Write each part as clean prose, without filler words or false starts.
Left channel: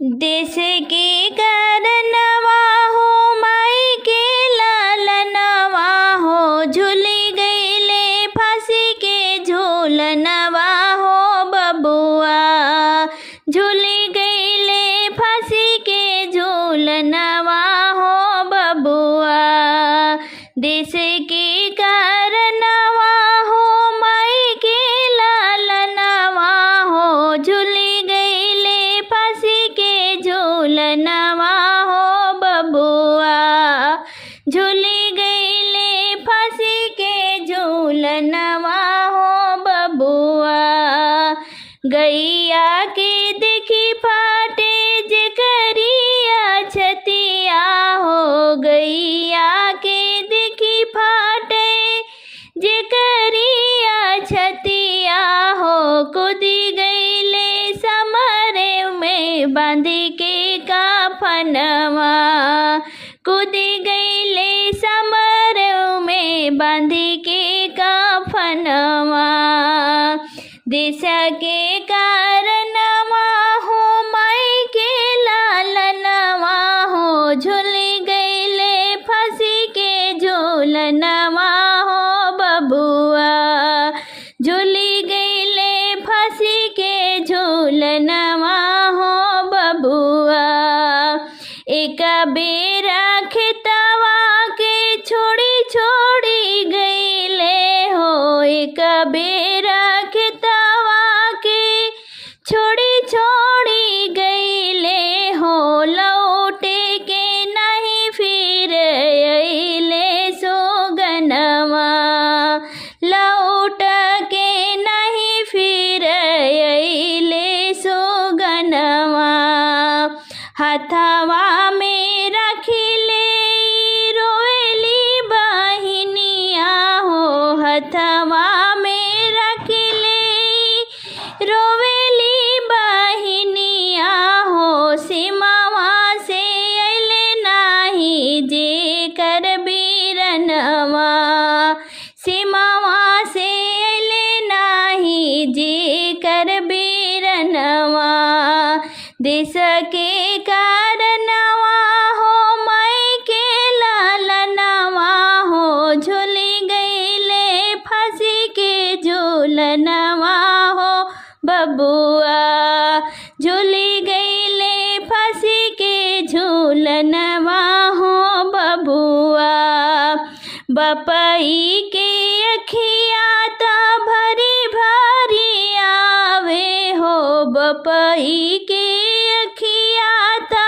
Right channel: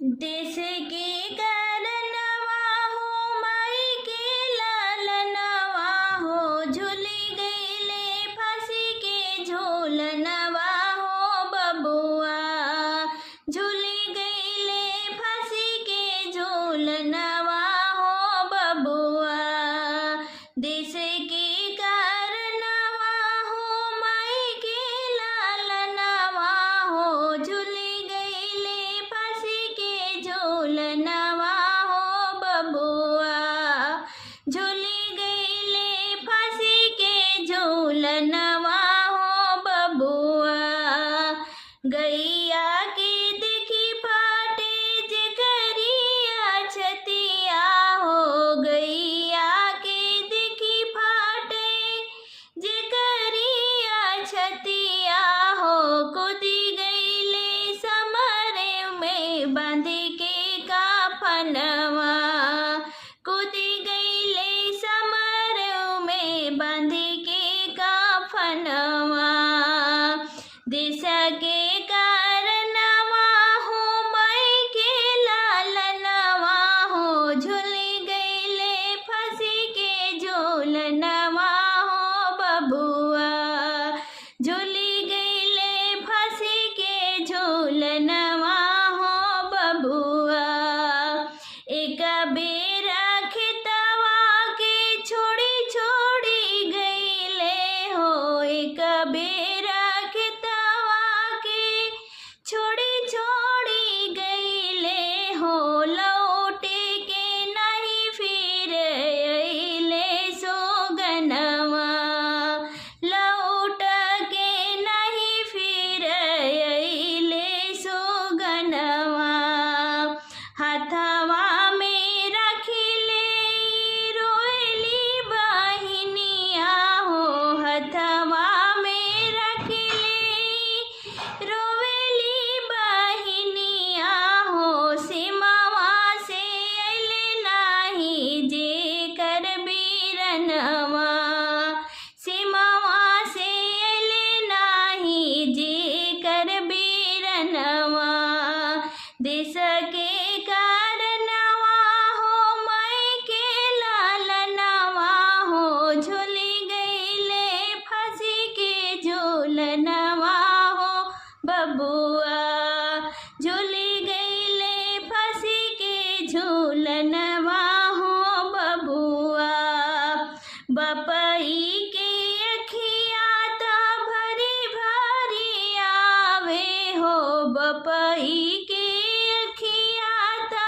देश के करनवा हो माई के लालनवा हो, झूली गईले फांसी के झूलनवा हो बबुआ, झूली गईले फांसी के झूलनवा हो बबुआ। देश के करनवा हो माई के लालनवा हो, झूली गईले फांसी के झूलनवा हो बबुआ, झूली गईले फांसी के झूलनवा हो बबुआ। गैया के देखी फाटे जे करिया छतिया हो, गैया के देखी फाटे जे करिया छतिया हो, कूदी गईले समरे में बांधी के काफनवा, कूदी गईले समरे में बांधी के काफनवा। देश के करनवा हो माई के लालनवा हो, झूली गईले फांसी के झूलनवा हो बबुआ, झूली गईले फांसी के झूलनवा हो बबुआ। एक बेरा खेतवा के छोड़ी छोड़ी गईले हो, एक बेरा खेतवा के छोड़ी छोड़ी गईले हो, लौटे के नहीं फिर अइले सोगनवा, लौट के नहीं फिर अइले सोगनवा। हथवा में रखिले रोएली बहिनिया हो, हथवा में रखिले रोवेली बहिनिया हो, सीमावा से अइले नाही जे कर बीरनवा, सीमावा से अइले नाही जे कर बीरनवा। देश के करनवा हो माई के लालनवा हो, झूली गईले फांसी के झूलनवा हो बबुआ, झूली गईले फांसी के झूलनवा हो बबुआ। बपई के अखिया ता भरी भरी आवे हो, बपई के अखिया ता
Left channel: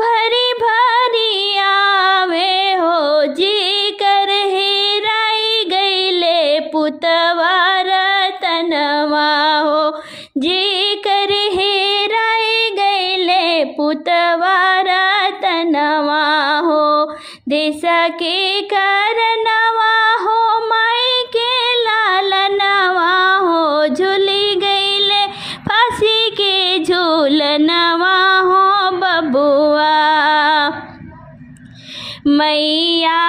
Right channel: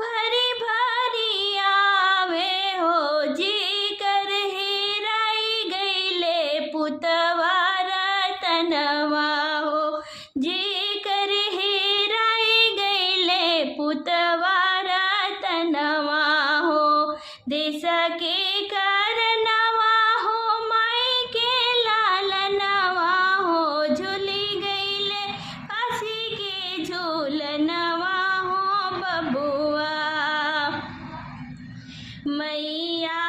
भरी भरी आवे हो, जे कर हेराई गईले पुतवा रतनवा हो, जे कर हेराई गईले पुतवा रतनवा हो। देश के करनवा हो माई के लालनवा हो, झूली गईले फांसी के झूलनवा हो बबुआ। मैया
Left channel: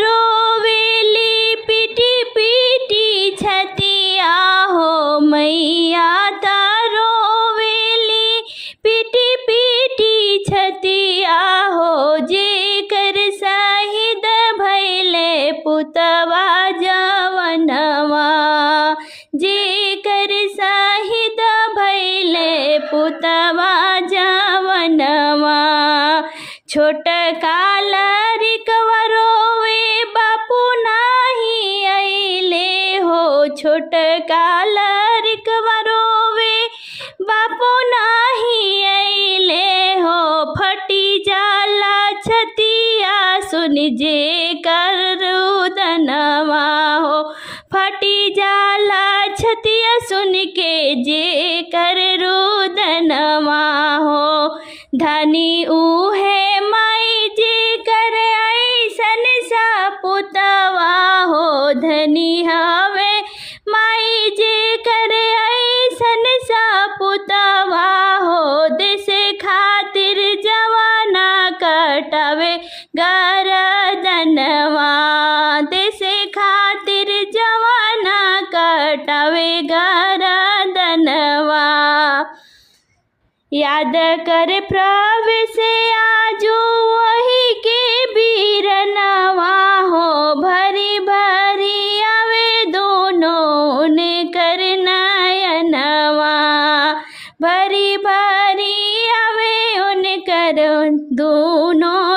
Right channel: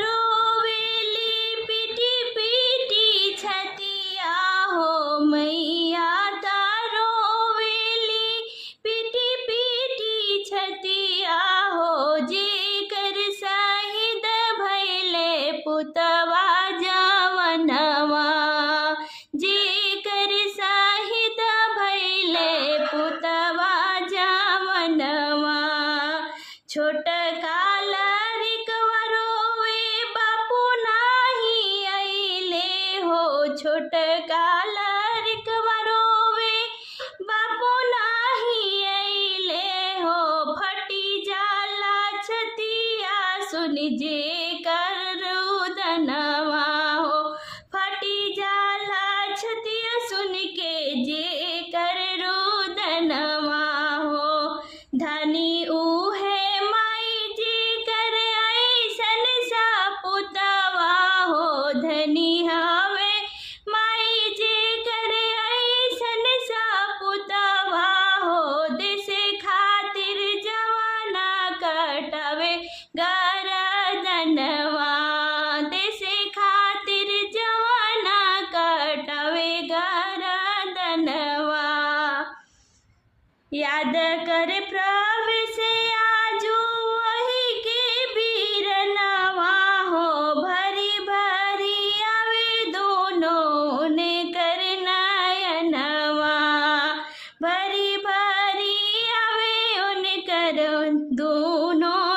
रोवेली पीटी पीटी छतिया हो, मैया रोवेली पीटी पीटी छतिया हो, जे कर शहीद भइले पुतवा जवनवा, जे कर शहीद भइले पुतवा जवनवा। छोटका लड़कवा रोवे बापू नाही अइले हो, छोटका लड़कवा रोवे बापू नाही अइले हो, फटी जाला छतिया सुन जे कर रुदनवा हो, फटी जाला छतिया सुन के जे कर रुदनवा हो। धनी उहे माई जे कर ऐसन सपुतवा हो, धनी हवे माई जे कर ऐसन सपुतवा हो, देश खातिर जवाना कटावे गरदनवा, देश खातिर जवाना कटावे गरदनवा। याद कर प्रभु से आजू वही के बीरनवा हो, भरी भरी आवे दोनों ने करनायनवा, भरी भरी आवे उन कर दोनों